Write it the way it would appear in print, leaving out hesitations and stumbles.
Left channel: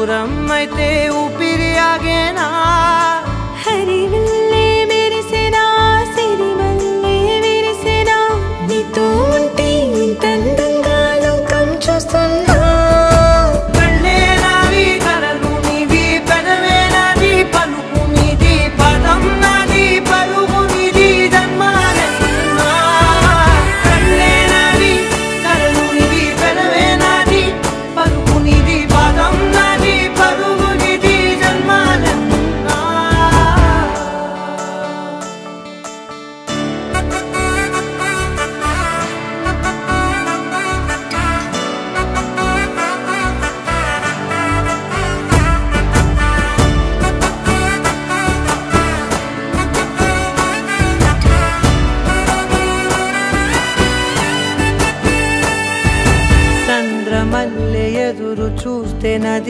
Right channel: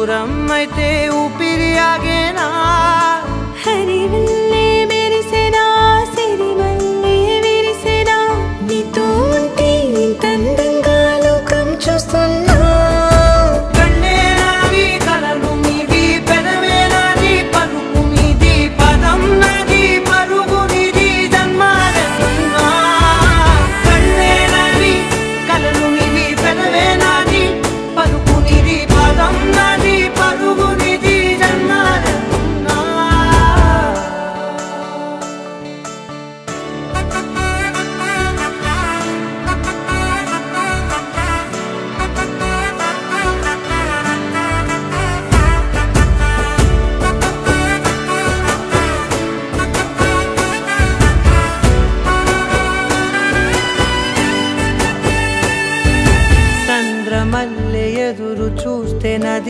దూరం అయితే ఊపిరి ఆగేనా హరివల్లే మెరిసెనా సిరివల్లే విరిసెనా నీతో ఉంటే ఇంత అందంగా లోకం చూస్తున్నా కళ్ళే నావి కలలు నీవి పెదవే నాది పలుకు నీది పదం నాది పరుగు నీది జన్మాలెన్నున్నా కళ్ళే నావి కలలు నీవి పెదవే నాది పలుకు నీది పదం నాది పరుగు నీది జన్మాలెన్నున్నా చంద్రమల్లె ఎదురు చూస్తే నది